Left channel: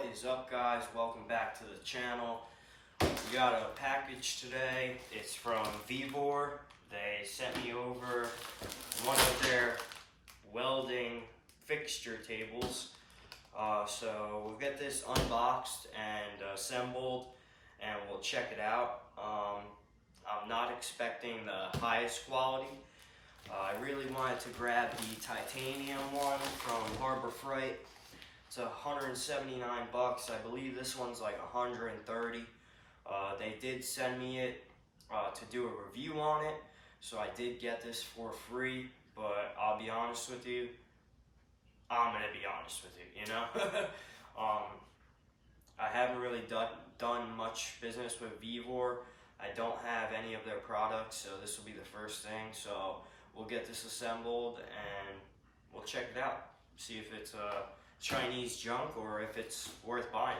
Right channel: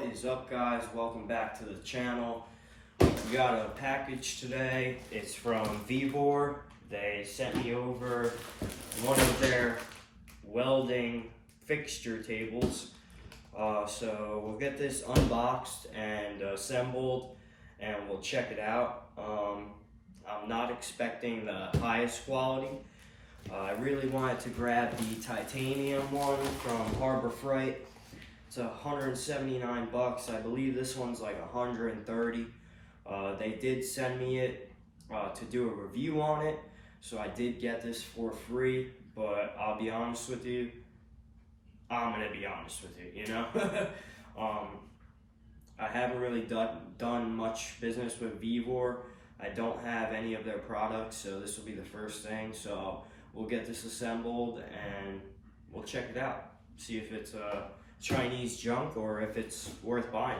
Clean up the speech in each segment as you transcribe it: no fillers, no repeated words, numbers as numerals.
What is up, guys? Welcome back to the channel. We got a package today. It's from Vevor. They sent me over one of their welding fixture tables. So we'll get this unboxed and assembled and we'll check it out. I'm not expecting the highest quality. I really wanted to grab the titanium one from Harbor Freight. It's $179. I believe this one's like $130. They did send me it to do a review on it, so I did get this for free. But I'll be honest with you, I'm gonna be honest with you, you know. I haven't really done much business with Vevor. I don't have any of their products, so this will be the first thing. So we'll get this assembled and we'll check it out. See if it's Chinese junk or if it's worth buying.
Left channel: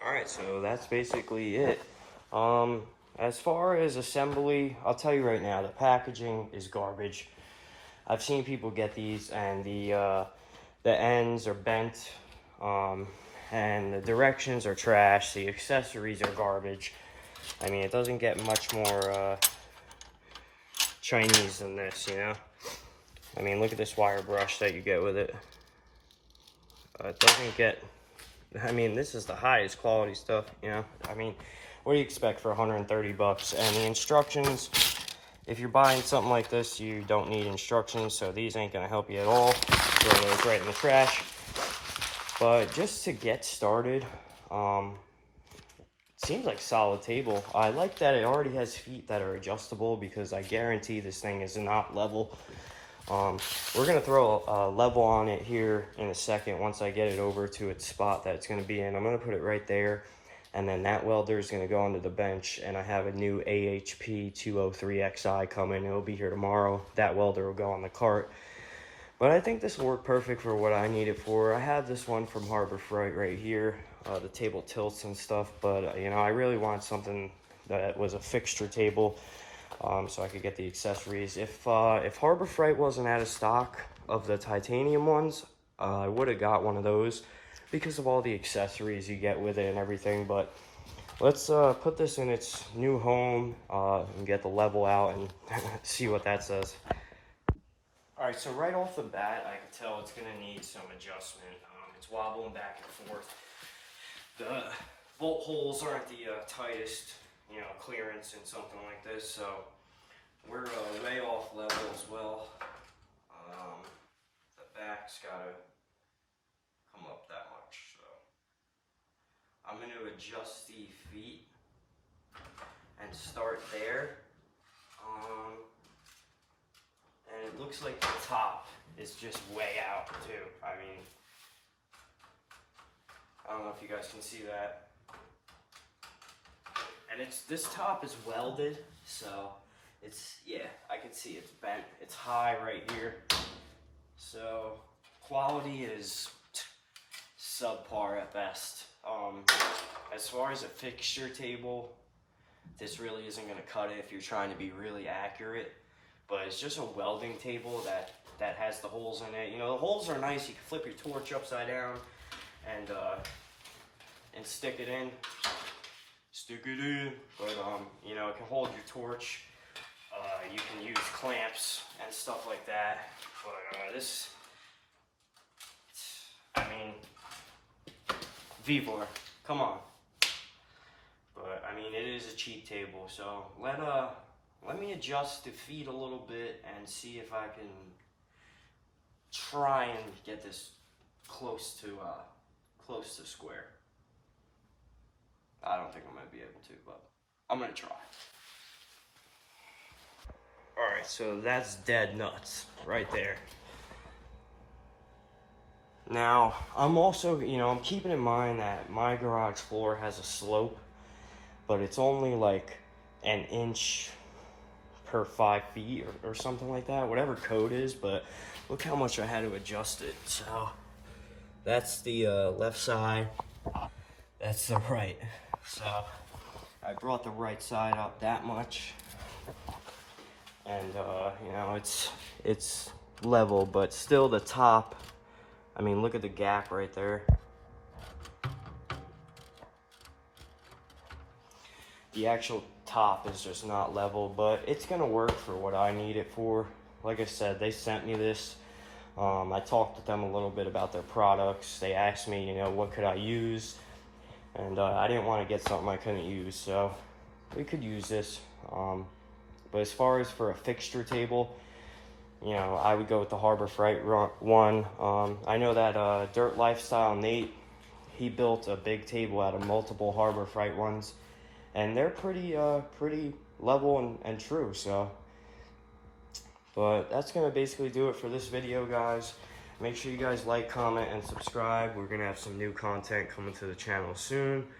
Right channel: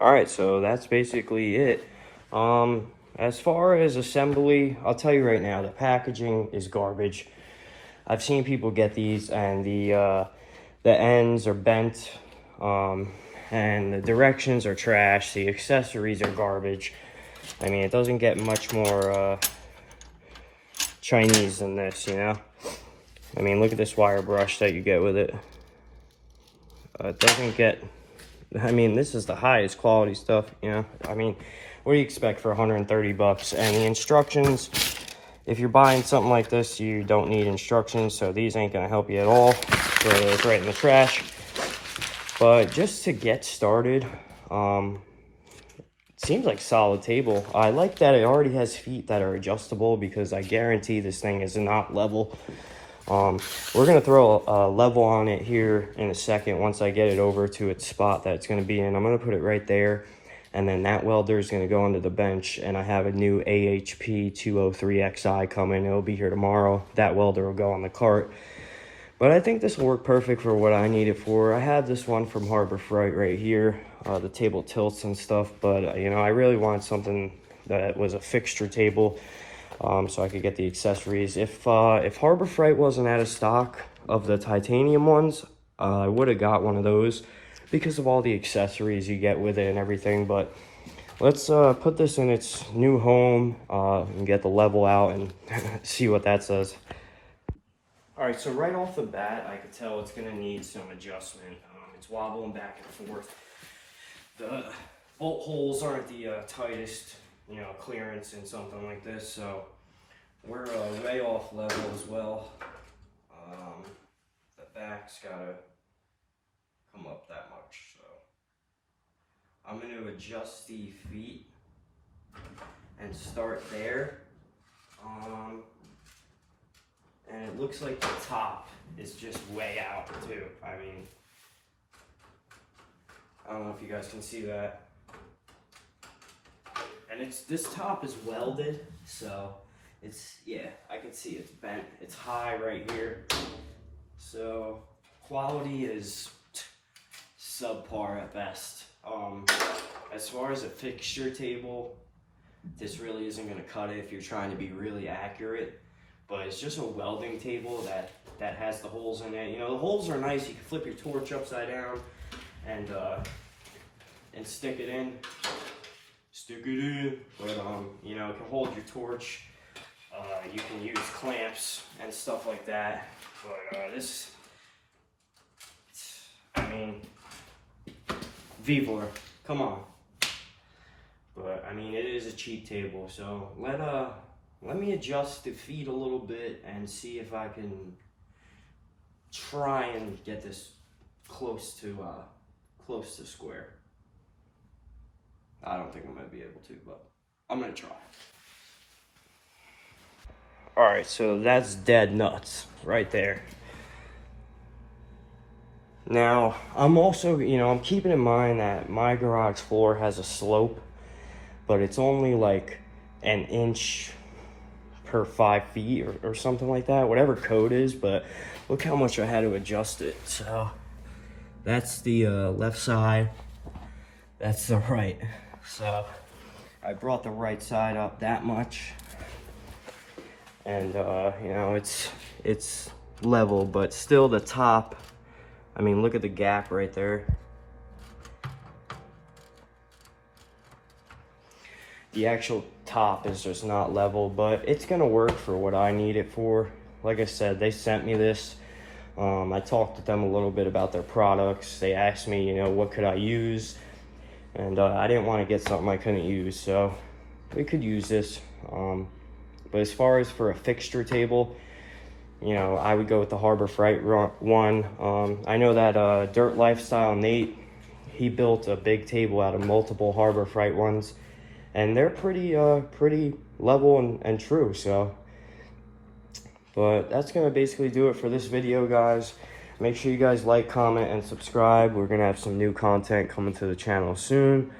Alright, so that's basically it. As far as assembly, I'll tell you right now, the packaging is garbage. I've seen people get these and the ends are bent, and the directions are trash. The accessories are garbage. I mean, it doesn't get much more Chinese than this, you know? I mean, look at this wire brush that you get with it. It doesn't get... I mean, this is the highest quality stuff, you know. I mean, what do you expect for $130? And the instructions, if you're buying something like this, you don't need instructions, so these ain't gonna help you at all. Throw those right in the trash. But just to get started, it seems like solid table. I like that it already has feet that are adjustable, because I guarantee this thing is not level. We're gonna throw a level on it here in a second once I get it over to its spot that it's gonna be in. I'm gonna put it right there, and then that welder is gonna go onto the bench, and I have a new AHP 203XI coming. It'll be here tomorrow. That welder will go on the cart. But I think this will work perfect for what I need it for. I have this one from Harbor Freight right here. The table tilts and stuff, but you know, I really want something that was a fixture table. So I could get the accessories. If Harbor Freight wasn't out of stock of the titanium ones, I would have got one of those because of all the accessories you get with it and everything. But let's put this in its new home and get the level out and see what that says. All right, so right off the bat, I could tell it's gonna need some adjustment. It's wobbling back and forth. The bolt holes aren't the tightest, you know, clearance in something like this, so we're way off level as well. The back's gotta come up that much, so I'm gonna adjust the feet and start there. And it looks like the top is just way out too. I mean, I don't know if you guys can see that. And this top is welded, so it's, yeah, I can see it's bent. It's high right here. So quality is subpar at best. As far as a fixture table, this really isn't gonna cut it if you're trying to be really accurate. But it's just a welding table that has the holes in it. You know, the holes are nice. You can flip your torch upside down and stick it in. But you know, it can hold your torch. You can use clamps and stuff like that. But I mean, Vevor, come on. But I mean, it is a cheap table, so let me adjust the feet a little bit and see if I can try and get this close to square. I don't think I'm gonna be able to, but I'm gonna try. All right, so that's dead nuts right there. Now, I'm also, I'm keeping in mind that my garage floor has a slope, but it's only like an inch per 5 feet or something like that, whatever code is, but look how much I had to adjust it. So that's the left side, that's the right. So I brought the right side up that much, and it's level, but still the top, I mean, look at the gap right there. The actual top is just not level, but it's gonna work for what I need it for. Like I said, they sent me this. I talked to them a little bit about their products. They asked me, what could I use? And I didn't want to get something I couldn't use, so we could use this. But as far as for a fixture table, I would go with the Harbor Freight one. I know that Dirt Lifestyle Nate, he built a big table out of multiple Harbor Freight ones, and they're pretty level and true. So, but that's gonna basically do it for this video, guys. Make sure you guys like, comment, and subscribe. We're gonna have some new content coming to the channel soon.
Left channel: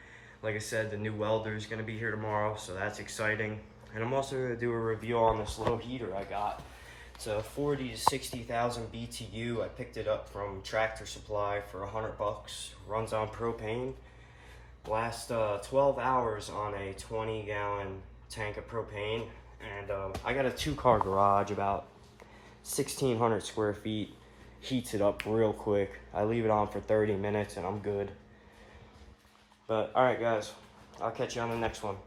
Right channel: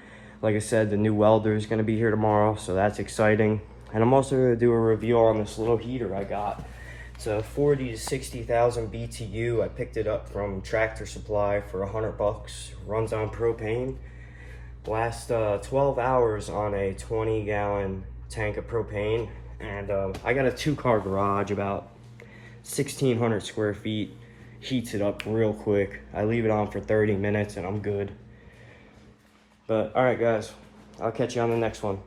Like I said, the new welder is gonna be here tomorrow, so that's exciting. And I'm also gonna do a review on this little heater I got. It's a 40 to 60,000 BTU. I picked it up from Tractor Supply for $100. Runs on propane. Lasts 12 hours on a 20-gallon tank of propane. And I got a 2-car garage, about 1,600 square feet. Heats it up real quick. I leave it on for 30 minutes and I'm good. But all right, guys, I'll catch you on the next one.